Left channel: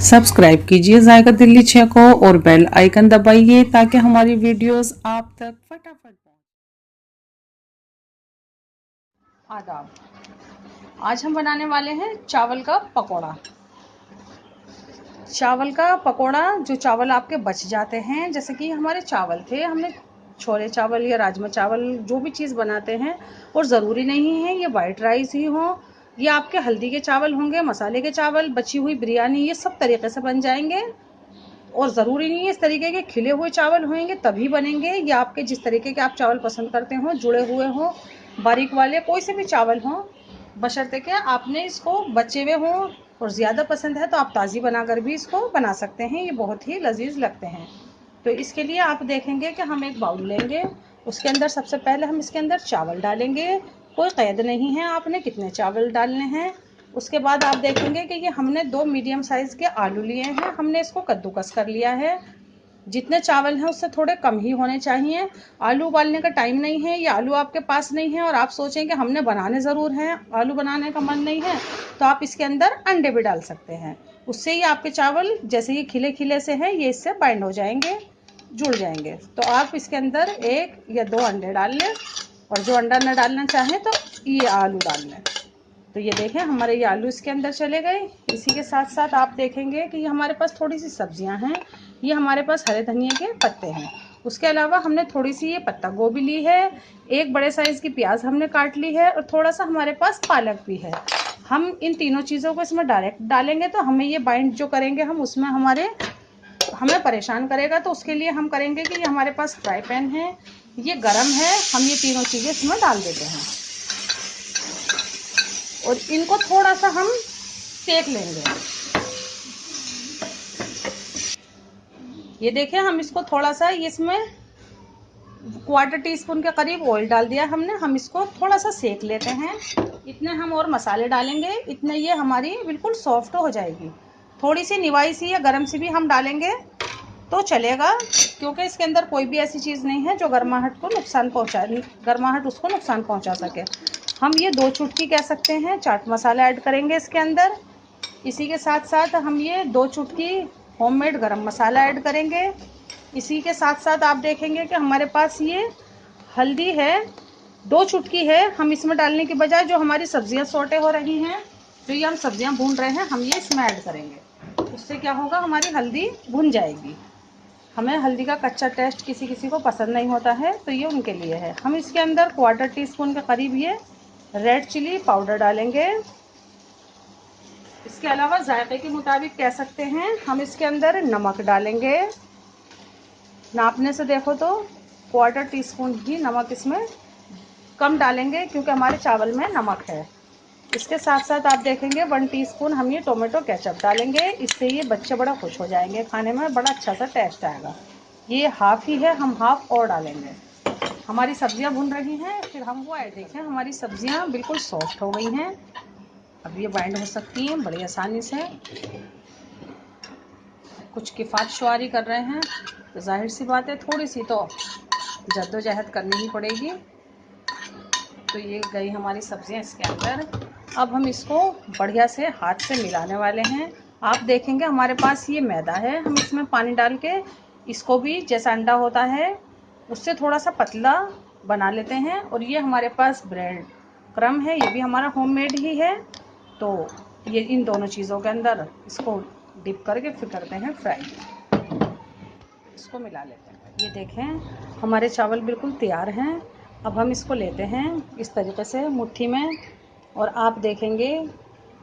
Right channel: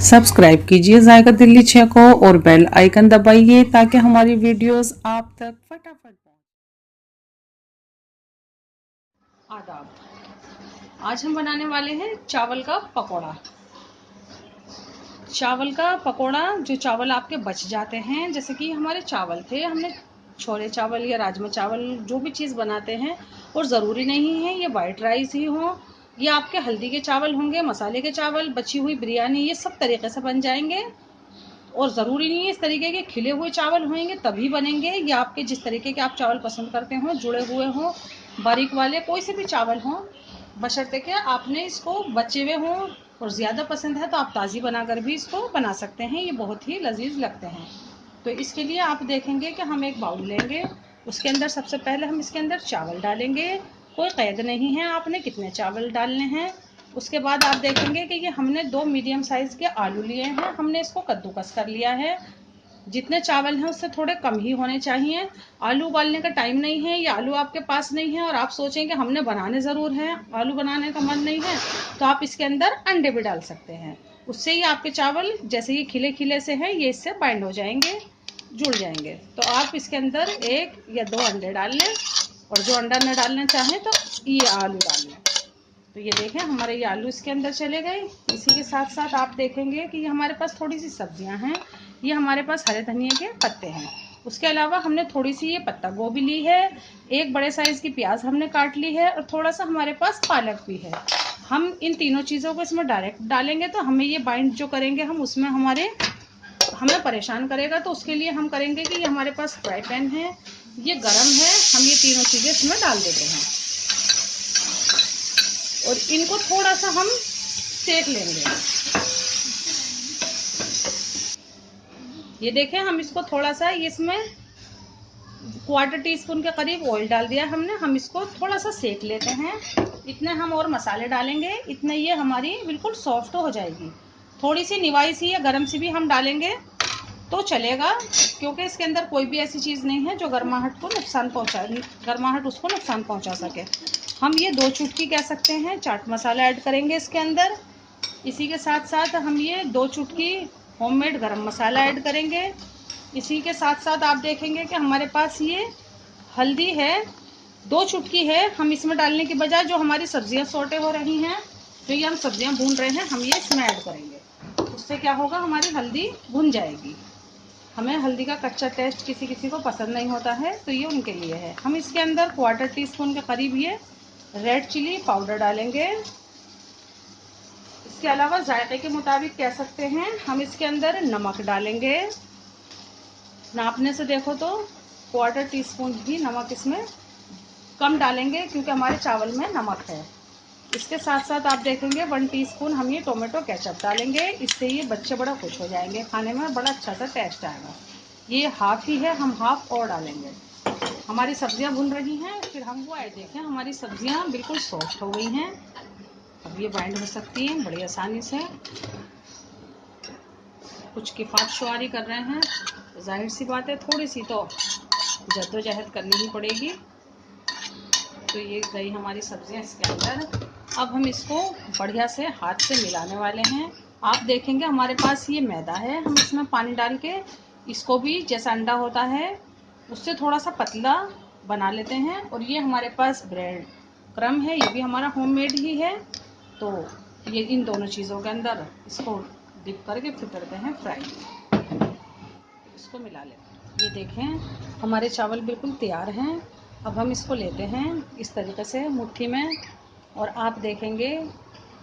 Subscribe कीजिए जायका दिल्ली 6 को और बेल आइकन दबाइए ताकि हमारी वीडियोस आप तक फटाफट पहुंचे। आदाब। आज हम बनाने वाले हैं चावल का पकोड़ा। चावल का पकोड़ा, जो चावल आपके बच जाते हैं, जैसे कि हमारे चावल थे, हमने छोले चावल या राजमा चावल जो भी चीज़ बनाते हैं, और ज़रूरी नहीं है ये वाइट राइस ही हो, ये आपके हल्दी के चावल होंगे, मसाले के चावल, बची हुई बिरयानी, ये सब तरीके से बन जाएंगे। और ज़रूरी नहीं है इस तरीके के खिले हुए चावल होंगे तभी बनेंगे, या आपके जिस तरीके के आप चावल पसंद करते हो, जुड़े हुए हों, बारीक वाले, कोई से भी चावल हों, बशर्ते कि आपने इसको बचे हुए हों। और ज़्यादा पसंद है तो आप ताज़ी बनाकर भी इसको बना सकते हैं, ये बहुत ही लजीज लगते हैं। तो इसके लिए आप देखेंगे कि हम एक बाउल लेंगे, उसके अंदर सबसे पहले हम इसके अंदर चावल डालेंगे। कोई क़ैद नहीं है आपने कितने चावल डालने हैं। उसके बाद आप देखेंगे कि ये हमने 2 मीडियम साइज़ के आलू लिए हैं, हमने इसको कद्दूकस कर लिया है। जितने चावल हैं उससे थोड़े कम ही होने चाहिए। आलू उबालने का टाइम नहीं है या आलू आपके पास नहीं है और आप सोचें कि हमने बनाने ज़रूर हैं, आलू बनाने का मन नहीं है, तो आप इसके अंदर अंडे भी डाल सकते हैं। उससे ही आपके चावल जैसे ये खिले खिले से हैं, ये इससे बाइंड हो जाएंगे, जुड़ जाएंगे। तो आप इसके अंदर 1 या 2 अंडे डाल लें, और जो अंडा न डालना चाहें तो ये आलू डाल लें। तो ये देखें हमारे ये आलू इसके अंदर चले गए। इसी के साथ साथ आप देखेंगे कि ये हमारे पास थोड़ी सी सब्जियां हैं। ये हमारे पास हरे धनिया के पत्ते हैं। उसके अलावा हमने थोड़ी सी ये पत्ता गोभी ली है, एक बड़े साइज़ की प्याज हमने काट ली है, और थोड़ा सा हमारे पास पालक भी है। हम इन तीनों चीज़ों को इसमें डायरेक्ट डालेंगे तो हमें ये बाइंड जो करेंगे हम, उसमें हमें परेशान करेगा। तो उसके लिए हम करेंगे कि ये हमारे पास फ्राई पैन है, ये गर्म है, हम ये तीनों चीज़ें इसमें डाल देते हैं और इनको थोड़ा सा हम सेक लेंगे। ये देखें हम इसको थोड़ा सा, इसमें 1/4 टीस्पून के करीब ऑयल डाल दिया हमने, हम इसको थोड़ा सा सेक लेते हैं। इतने हम और मसाले डालेंगे, इतने ये हमारी बिल्कुल सॉफ्ट हो जाएगी। थोड़ी सी निवाई सी या गरम सी भी हम डालेंगे तो चलेगा, क्योंकि इसके अंदर कोई भी ऐसी चीज़ नहीं है जो गर्माहट उसको नुकसान पहुंचा सके। हम ये 2 चुटकी कह सकते हैं चाट मसाला ऐड करेंगे इसके अंदर। इसी के साथ साथ हम ये 2 चुटकी होममेड गरम मसाला ऐड करेंगे। इसी के साथ साथ आप देखेंगे कि हमारे पास ये हल्दी है, 2 चुटकी है। हम इसमें डालने की बजाय जो हमारी सब्जियां सौटे हो रही हैं, जो ये हम सब्जियां भून रहे हैं, हम ये इसमें ऐड करेंगे। उससे क्या होगा, हमारी हल्दी भुन जाएगी। हमें हल्दी का कच्चा टेस्ट किसी किसी को पसंद नहीं होता है, तो ये उनके लिए है। हम इसके अंदर 1/4 टीस्पून के करीब ये रेड चिली पाउडर डालेंगे। इसके अलावा जायके के मुताबिक कह सकते हैं, हम इसके अंदर नमक डालेंगे। नापने से देखो तो 1/4 टीस्पून ही नमक इसमें कम डालेंगे, क्योंकि हमारे चावल में नमक है। इसके साथ साथ आप देखेंगे 1 टीस्पून हम ये टोमेटो केचप डालेंगे। इससे ये बच्चे बड़ा खुश हो जाएंगे, खाने में बड़ा अच्छा सा टेस्ट आएगा। ये हाफ ही है, हम हाफ और डालेंगे। हमारी सब्जियां भुन रही हैं, फिर हम वो ऐड देखें। हमारी सब्जियां बिल्कुल सॉफ्ट हो गई हैं, अब ये बाइंड हो सकती हैं बड़ी आसानी से। कुछ किफ़ायत शुआरी कर रहे हैं तो जाहिर सी बात है थोड़ी सी तो जद्दोजहद करनी ही पड़ेगी। तो ये गई हमारी सब्जियां इसके अंदर। अब हम इसको बढ़िया से हाथ से मिलाने वाले हैं। आप देखेंगे हमारे पास ये मैदा है, हम इसमें पानी डाल के इसको भी जैसा अंडा होता है उससे थोड़ा सा पतला बना लेते हैं। और ये हमारे पास ब्रेड क्रम है, ये भी हमारा होममेड ही है। तो ये इन दोनों चीज़ों के अंदर इसको डिप करके फिर करते हैं फ्राई। इसको मिला लेते हैं। ये देखें हमारे चावल बिल्कुल तैयार हैं। अब हम इसको लेते हैं इस तरीके से मुट्ठी में, और आप देखेंगे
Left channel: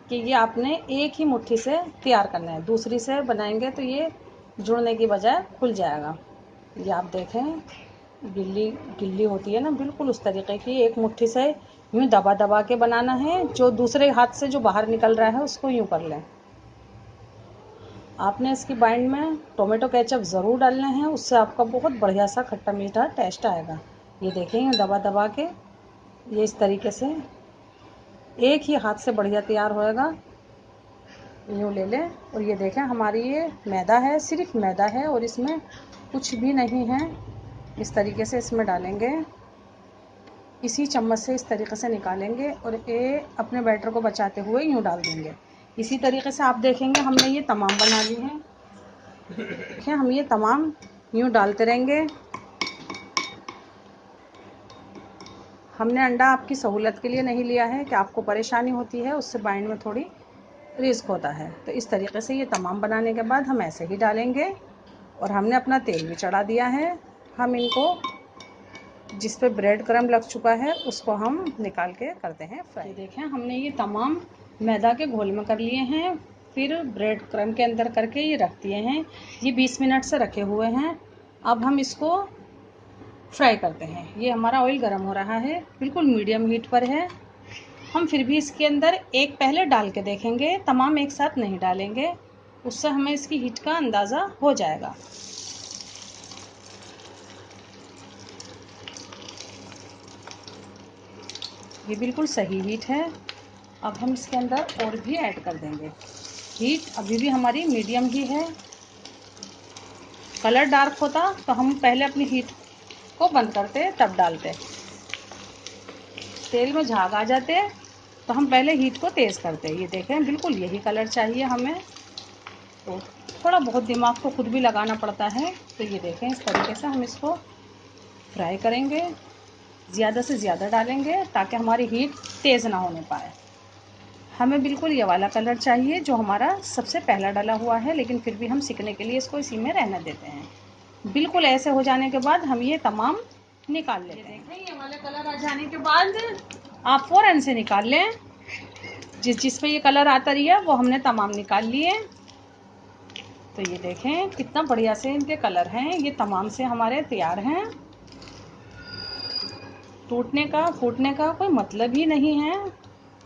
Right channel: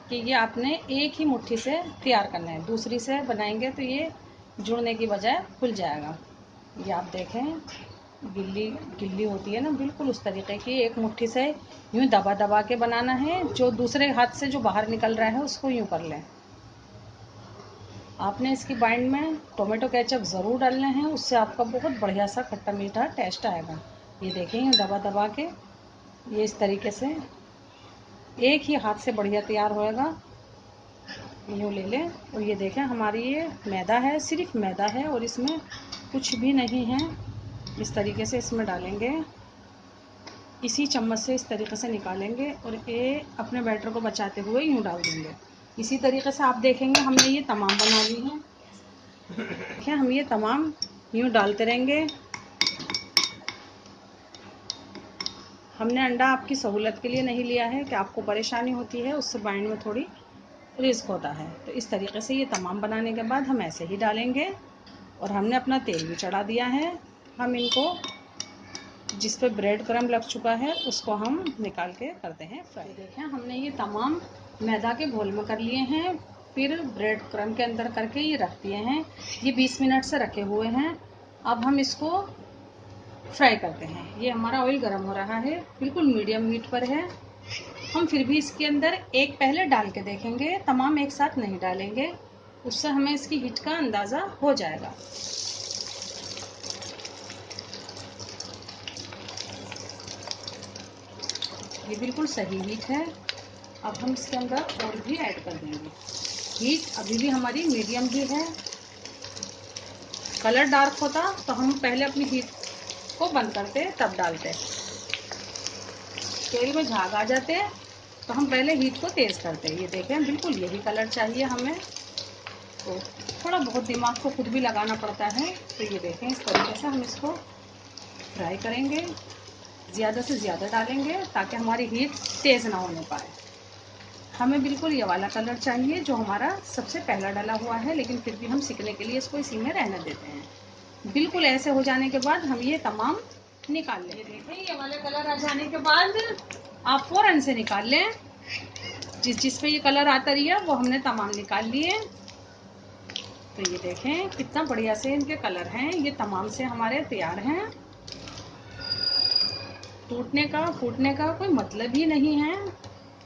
कि ये आपने एक ही मुट्ठी से तैयार करना है, दूसरी से बनाएंगे तो ये जुड़ने की बजाय खुल जाएगा। ये आप देखें गिल्ली गिल्ली होती है ना, बिल्कुल उस तरीके की एक मुट्ठी से यूँ दबा दबा के बनाना है। जो दूसरे हाथ से जो बाहर निकल रहा है उसको यूँ कर लें। आपने इसकी बाइंड में टोमेटो केचप ज़रूर डालने हैं, उससे आपका बहुत बढ़िया सा खट्टा मीठा टेस्ट आएगा। ये देखें दबा दबा के ये इस तरीके से एक ही हाथ से बढ़िया तैयार होएगा। यूँ ले लें, और ये देखें हमारी ये मैदा है, सिर्फ मैदा है और इसमें कुछ भी नहीं है। इस तरीके से इसमें डालेंगे, इसी चम्मच से इस तरीके से निकालेंगे और ये अपने बैटर को बचाते हुए यूँ डाल देंगे। इसी तरीके से आप देखेंगे हमने ये तमाम बना ली हैं। देखिए हम ये तमाम यूँ डालते रहेंगे। हमने अंडा आपकी सहूलत के लिए नहीं लिया है कि आपको परेशानी होती है, उससे बाइंड में थोड़ी रिस्क होता है। तो इस तरीके से ये तमाम बनाने के बाद हम ऐसे ही डालेंगे। और हमने अपना तेल भी चढ़ा दिया है। हम इनको जिस पे ब्रेड क्रम्ब लग चुका है उसको हम निकाल के करते हैं फ्राई। देखें हमने ये तमाम मैदा के घोल में कर लिए हैं, फिर ब्रेड क्रम्ब के अंदर करके ये रख दिए हैं। ये 20 मिनट से रखे हुए हैं। अब हम इसको फ्राई करते हैं। ये हमारा ऑयल गर्म हो रहा है, बिल्कुल मीडियम हीट पर है। हम फिर भी इसके अंदर एक पहले डाल के देखेंगे, तमाम एक साथ नहीं डालेंगे, उससे हमें इसकी हीट का अंदाज़ा हो जाएगा। ये बिल्कुल सही हीट है। अब हम इसके अंदर और भी ऐड कर देंगे। हीट अभी भी हमारी मीडियम ही है। कलर डार्क होता तो हम पहले अपनी हीट को बंद करते तब डालते। तेल में झाग आ जाते तो हम पहले हीट को तेज़ करते। ये देखें बिल्कुल यही कलर चाहिए हमें। तो थोड़ा बहुत दिमाग को खुद भी लगाना पड़ता है। तो ये देखें इस तरीके से हम इसको फ्राई करेंगे। ज़्यादा से ज़्यादा डालेंगे ताकि हमारी हीट तेज़ ना होने पाए। हमें बिल्कुल ये वाला कलर चाहिए जो हमारा सबसे पहला डाला हुआ है, लेकिन फिर भी हम सीखने के लिए इसको इसी में रहने देते हैं। बिल्कुल ऐसे हो जाने के बाद हम ये तमाम निकाल लेते हैं। देखें ये वाले कलर आ जाने के बाद आप फ़ौरन से निकाल लें। जिस पे ये कलर आता रही है वो हमने तमाम निकाल लिए। तो ये देखें कितना बढ़िया से इनके कलर हैं। ये तमाम से हमारे तैयार हैं। टूटने का फूटने का कोई मतलब ही नहीं है।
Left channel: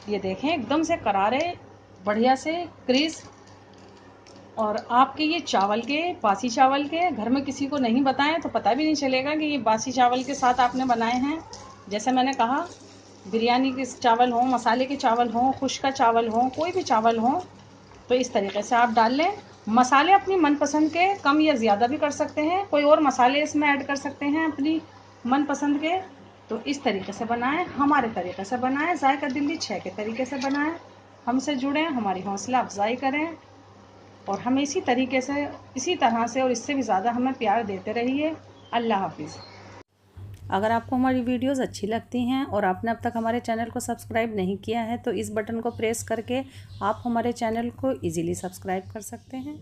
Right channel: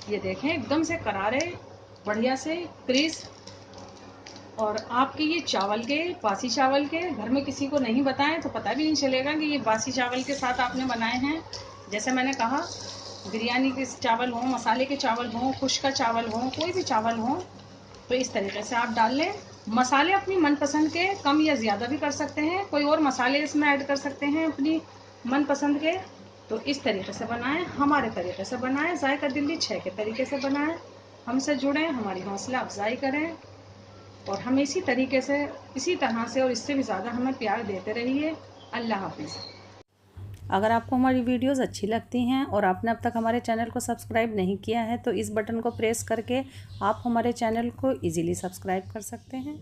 ये देखें एकदम से करारे, बढ़िया से क्रिस्प। और आपके ये चावल के, बासी चावल के, घर में किसी को नहीं बताएं तो पता भी नहीं चलेगा कि ये बासी चावल के साथ आपने बनाए हैं। जैसे मैंने कहा बिरयानी के चावल हो, मसाले के चावल हो, खुश्क का चावल हो, कोई भी चावल हो, तो इस तरीके से आप डाल लें। मसाले अपनी मनपसंद के कम या ज़्यादा भी कर सकते हैं, कोई और मसाले इसमें ऐड कर सकते हैं अपनी मनपसंद के। तो इस तरीके से बनाएं, हमारे तरीके से बनाएं, जायका दिल्ली 6 के तरीके से बनाएं। हमसे जुड़ें, हमारी हौसला अफजाई करें और हमें इसी तरीके से, इसी तरह से और इससे भी ज़्यादा हमें प्यार देते रहिए। अल्लाह हाफिज़। अगर आपको हमारी वीडियोस अच्छी लगती हैं और आपने अब तक हमारे चैनल को सब्सक्राइब नहीं किया है तो इस बटन को प्रेस करके आप हमारे चैनल को इजीली सब्सक्राइब कर सकते हैं।